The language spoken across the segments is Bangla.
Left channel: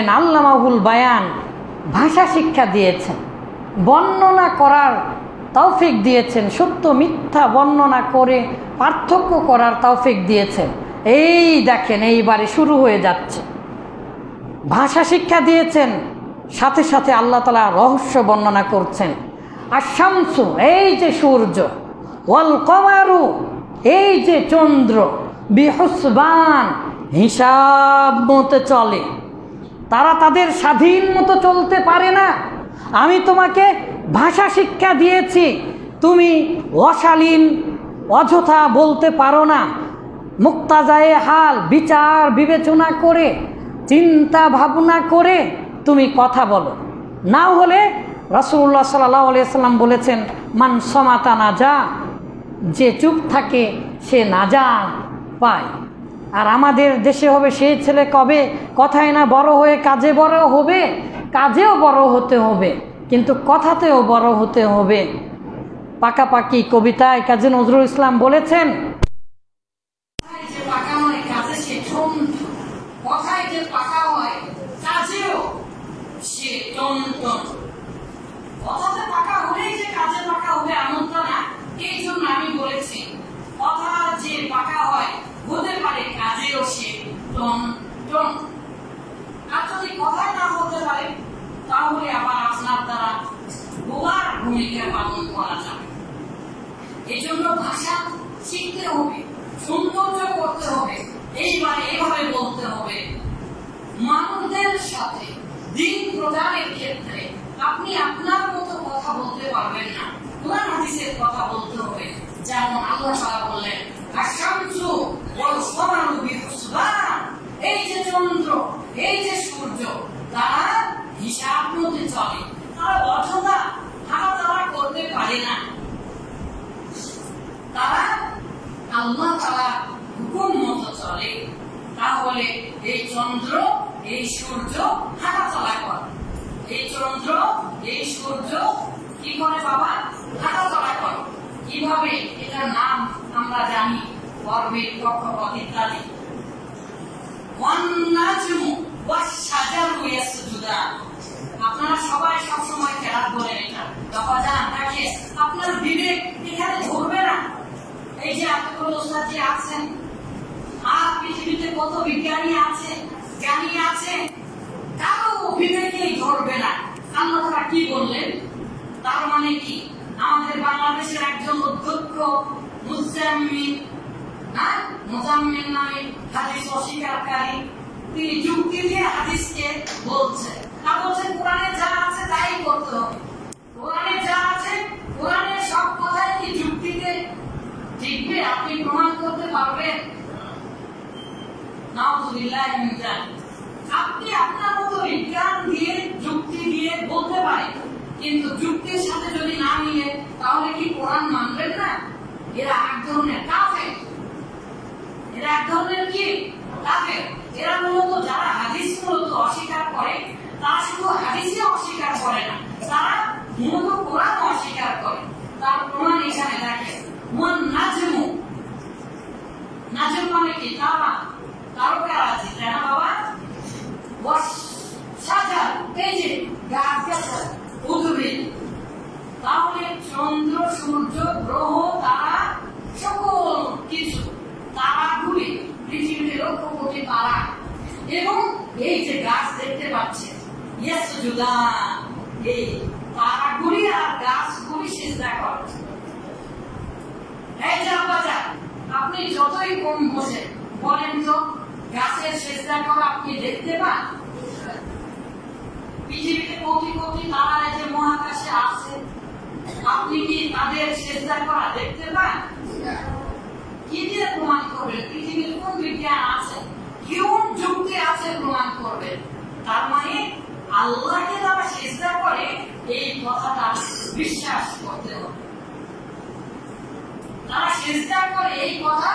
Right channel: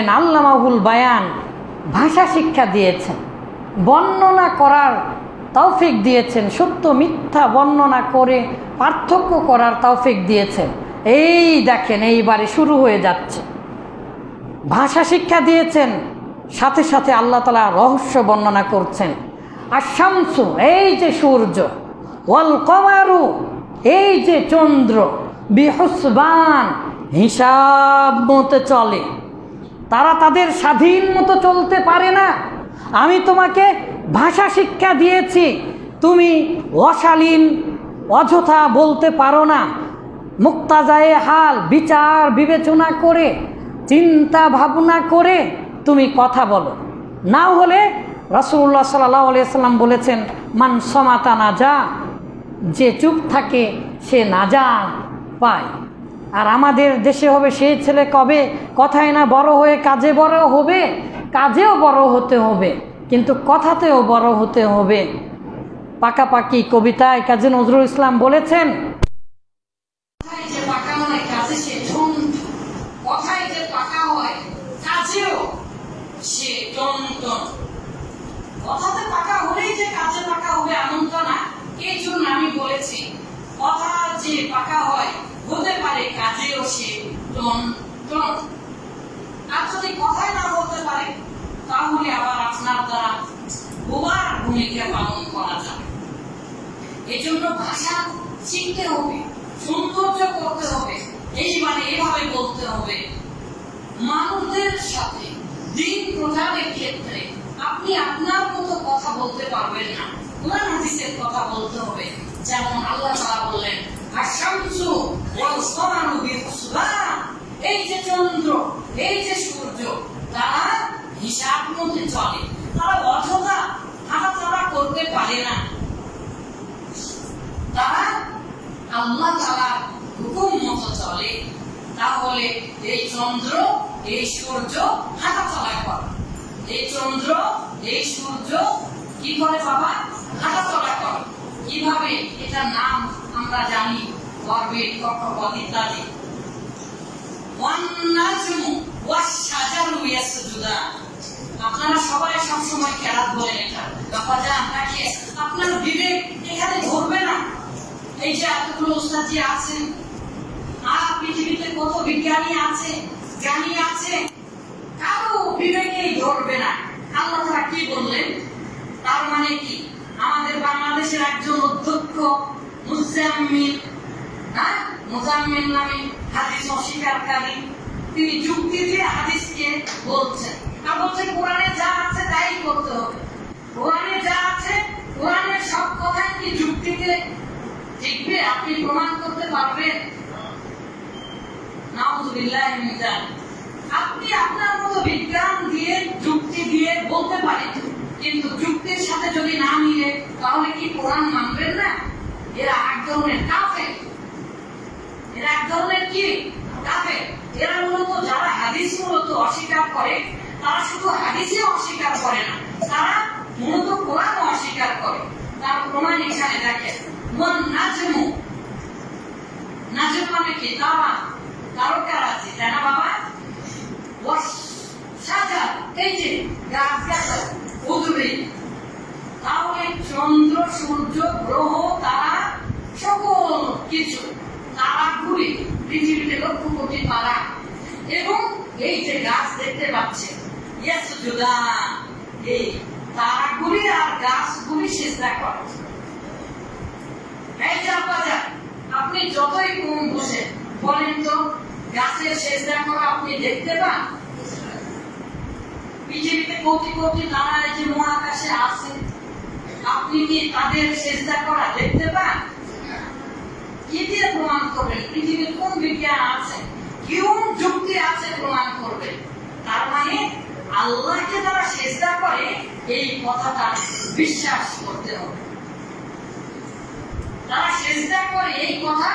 করেন, আল্লামাহুল বায়ান, ভাষা শিক্ষা দিয়েছেন, বর্ণনা করার তৌফিক দিয়েছেন, সত্য মিথ্যা বর্ণনা করে পার্থক্য করার তৌফিক দিয়েছেন। এই দেখেন এইবারে শুরু হয়ে যাচ্ছে। ভাষা শিক্ষা দিয়েছেন, সাথে সাথে আল্লাহ তাআলা রহস্য বর্ণনা করছেন। আর শামসু, এই যে সূর্য, ওয়াল কমারু, এই যে চন্দ্র, বিহুসবান, হিসাব মতো চলে। তারা তাদের স্বাধীন মতো চলতে পারে না। আমি তোমাকে ভাষা শিক্ষা দিয়েছি, তুমি অশালীন অযথা বলতে পারো না। মুক্তাজায়ে হাল, বিচার বিবেচনা করে, চিন্তা ভাবনা করে তুমি কথা বলো। না হলে রাসূলুল্লাহ সাল্লাল্লাহু আলাইহি ওয়াসাল্লাম বলেছেন, মান সমাতা নাজা, যে চুপ থাকে সে নাজা পায়। আর আমাদের দেশে হবে সেই ছেলে কবে কথায় না বড় হয়ে কাজে বড় হবে, কাজেও বড় হতে হবে, কিন্তু কথাতেও বড় হতে হবে। পাকাপাকি কবিতায় কাজী নজরুল ইসলাম বলেছেন, কথায় যে পাকা হয় কাজেও সে টনটন। কথাতে পাকা হলেই যে কাজে পাকা হবে এমন তো না। এই জন্য আমি বলেছি কথা যে পাকা হয় হতে পারে কাজেও সে টনটন। আর যদি কথায় না বলতে পারে তাহলে আবার আপনার দ্বারা বোবার ভূমিকা পালন করা যাবে। এজন্য ভাষা শিখতে হবে, সৌন্দর্য করতে হবে। এইবারে এভাবে বলতে হবে, মানুষদের সাথে দিন প্রচারের ক্ষেত্রে আপনি আপনার মতো কথা বলতে পারবেন না, কোরআন হাদিসের কথা বলতে হবে। যেমন আল্লাহ তাআলা বললেন, আশ-শামসু ওয়াল কমারু বিহুসবান, এই যে চন্দ্র, এই যে সূর্য, তারা হিসাব মতে চলে। তারা অযথা হাঁটাচলা করতে পারে না, তারা আল্লাহ তাআলার হুকুম মতো চলে। তাহলে এই চন্দ্র, এই সূর্য হাঁটাচলা করে। এই চন্দ্র, এই সূর্য কি করে বাবা? হাঁটাচলা করে। কিভাবে? এটার নাম আমরা জানি, পর্বে কক্ষপথ ইত্যাদি। One নাজমু wash শাজারু ইয়াসজুদান। আপনারা সবাই সবসময় কেরাত বলেন এটা। বাবা জান দেখে আপনার বিবেক এখানে ধরবে না। এই যে এতগুলো ওস্তাদ আছেন, আর পৃথিবীতে কত বিজ্ঞানী আছে, জ্ঞানী আছে, কারো বিবেকেই ধরবে না। আল্লাহ তাআলা কি বললেন? তার মানে কি? আমাদের বাংলাদেশের একজন অধ্যক্ষ মুজাম্মিল নামে হাদিস অস্বীকারী, তিনি যুক্তি দিয়ে হাদিসকে বলছেন। আর বলছে কোরআনে যা আছে তাই করতে হবে। কোরআনে যা আছে, কোরআনের সব কথাই কি যুক্তিতে ঠিকবে? আপনি প্রমাণ করতে পারবেন? নাউযুবিল্লাহি মিন যালিক। আপনি আপনার মতো বিজ্ঞান দিয়ে, যুক্তি দিয়ে বলতে পারেন, কিন্তু যুক্তির সাথে যদি না মিলে তাহলে কি কোরআন মানবেন না? এরা এক ধরনের কাফের। এরা এক ধরনের কি? কাফের। এরা মূলত যারা হাদিস মূলত অস্বীকার করে, তারা শুধু হাদিসে অস্বীকার করে না, তারা মূলত কোরআন অস্বীকার করে। তার প্রমাণ এখানে দেখেন, ওয়ান নাজমু, নাজম মানে কি? তারা, তারকা আছে, তাই না বাবা? ওয়াশ শাজার, এই যে গাছ গাছালি, উদ্ভিদ। তাহলে চন্দ্র, সূর্য, গ্রহ, তারা, সকল কিছু, তারাগুলি, পৃথিবীতে লক্ষ কোটি তারা, এবং এই যে গাছ দেখতে পাচ্ছেন, ইয়াসজুদান, এই তারাগুলি আর গাছগুলি সিজদা করে। এই যে আব্বাজা, আপনি যতই কম বসে বলেন তো গাছের সিজদা করা আপনি দেখতে পান? পৃথিবীতে কোটি কোটি তারা যে মহাকাশে আছে, আপনি কি তাদের সিজদা করা দেখতে পান? কি দিয়ে প্রমাণ করবেন? পৃথিবীর কোন বিজ্ঞান আছে, কোন যুক্তি আছে প্রমাণ করবেন? তার মানে আল্লাহকে যারা সিজদা করে এই কথাটা বিশ্বাস করতে হবে। তারা সিজদা করে এই কথা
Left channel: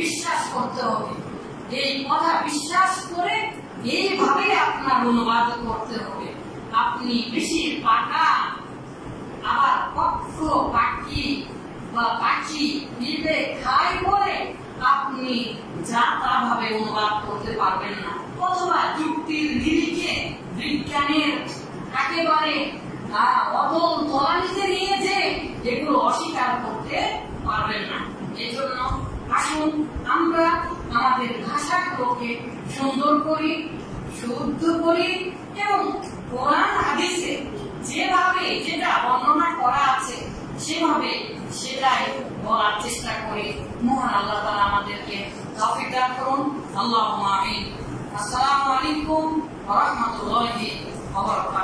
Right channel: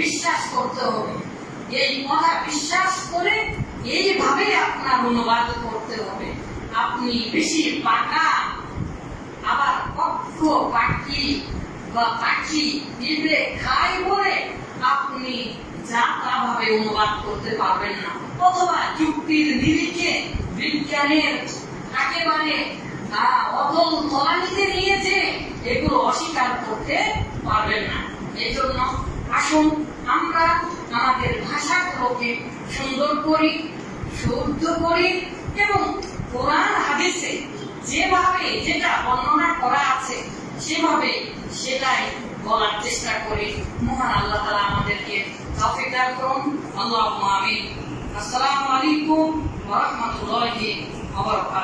বিশ্বাস করতে হবে। এই কথা বিশ্বাস করে এইভাবে আপনার অনুবাদ করতে হবে। আপনি বেশি পাকা, আবার পক্ষ পাখি বা পাখি নিবে খাই বলে আপনি যা তা ভাবে অনুবাদ করতে পারবেন না, অথবা যুক্তির নিরিখে বিজ্ঞানের একেবারে অতল তলানিতে নিয়েছে, এগুলো অস্বীকার করতে পারবেন না। এজন্য আসুন আমরা আমাদের ভাষাগুলোকে সুন্দর করি, শুদ্ধ করি এবং কোরআন হাদিসে যেভাবে যেটা বর্ণনা করা আছে সেভাবে সেটাই বলার চেষ্টা করি। মহান আল্লাহ তাআলা আমাদেরকে তৌফিক দান করুন। আল্লাহুম্মা আমিন। আসসালামু আলাইকুম ওয়া রাহমাতুল্লাহি ওয়া বারাকাতুহু।